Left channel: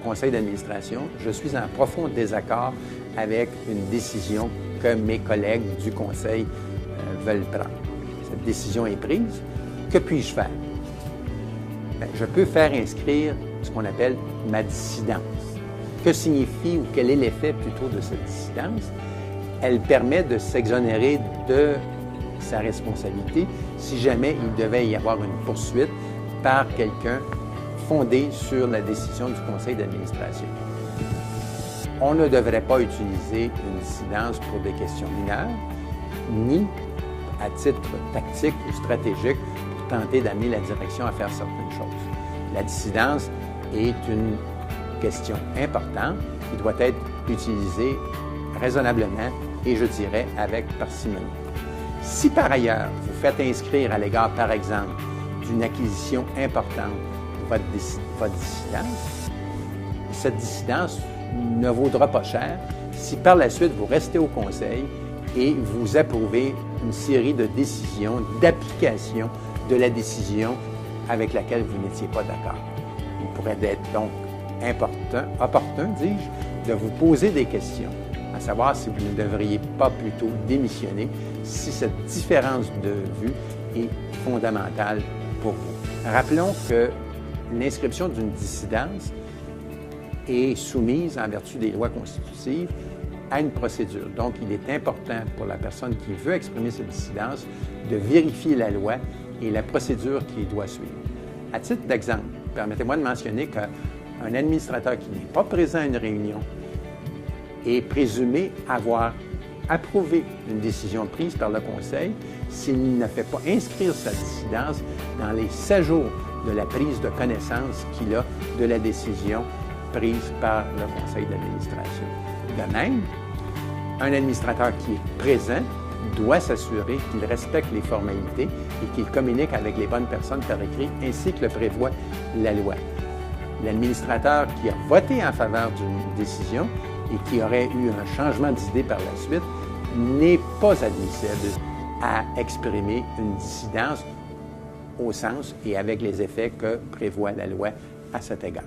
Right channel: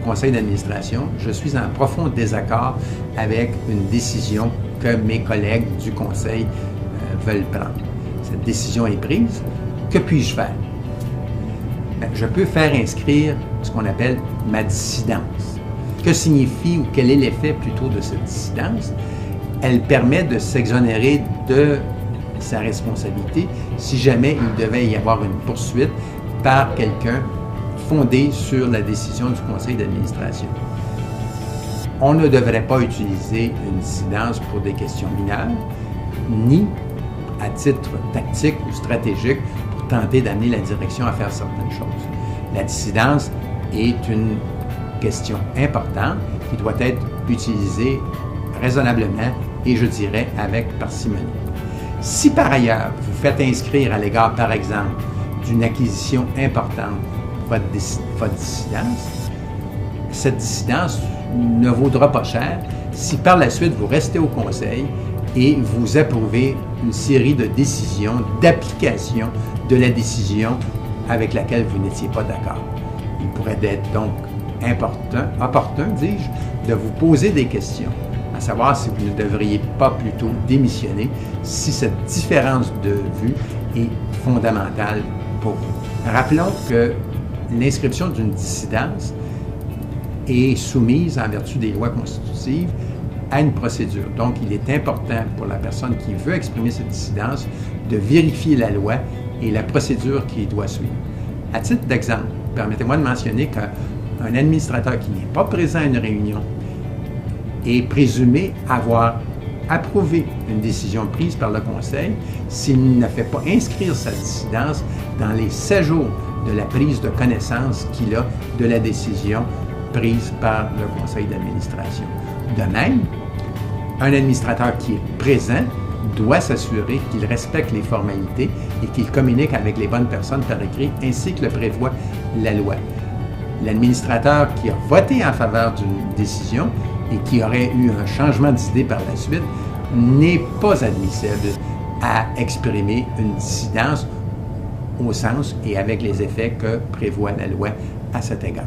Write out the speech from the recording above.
conseil d'administration, je suis en profond désaccord avec une décision que mes collègues du conseil veulent prendre. Cette décision est prise. Que puis-je faire? Je peux faire inscrire ce qu'on appelle ma dissidence. Que signifie ou quel est l'effet plutôt de cette dissidence? Elle permet de s'exonérer de sa responsabilité si jamais il devait y avoir une poursuite par quelqu'un fondée sur la décision du conseil d'administration. On ne devrait pas utiliser une dissidence pour des questions mineures, ni à titre tactique ou stratégique pour tenter d'amener la direction à faire certaines choses. La dissidence est une question importante qui doit être utilisée raisonnablement et je dirais avec parcimonie. Si par ailleurs vous faites inscrire à l'égard, par exemple, d'une acquisition importante votre dissidence, cette dissidence ne vaudra pas cher si par la suite vous restez au conseil et vous approuvez une série de décisions, d'application de la décision avec laquelle vous n'étiez pas d'accord. Il pourrait être donc opportun, dis-je, de vous poser des questions, à savoir si vous ne devriez pas plutôt démissionner si cette différence de vue est fondamentale pour vous. Rappelons que l'inscription d'une dissidence est soumise en vertu des lois constitutives à une procédure. Donc, il est important pour la personne qui veut exprimer cette dissidence de vérifier la loi et la procédure qu'il doit suivre. À titre d'exemple, permettez-moi de mentionner qu'un administrateur qui n'est pas présent à une réunion est présumé avoir approuvé une décision prise par le conseil s'il ne fait pas inscrire sa dissidence dans les 7 jours de la prise de connaissance qu'il a de la décision prise par le conseil d'administration. De même, un administrateur qui est présent doit s'assurer qu'il respecte les formalités et qu'il communique avec les bonnes personnes par écrit, ainsi que le prévoit la loi. L'administrateur qui a voté en faveur d'une décision et qui aurait eu un changement d'idée par la suite n'est pas admissible à exprimer une dissidence au sens et avec les effets que prévoit la loi à cet égard.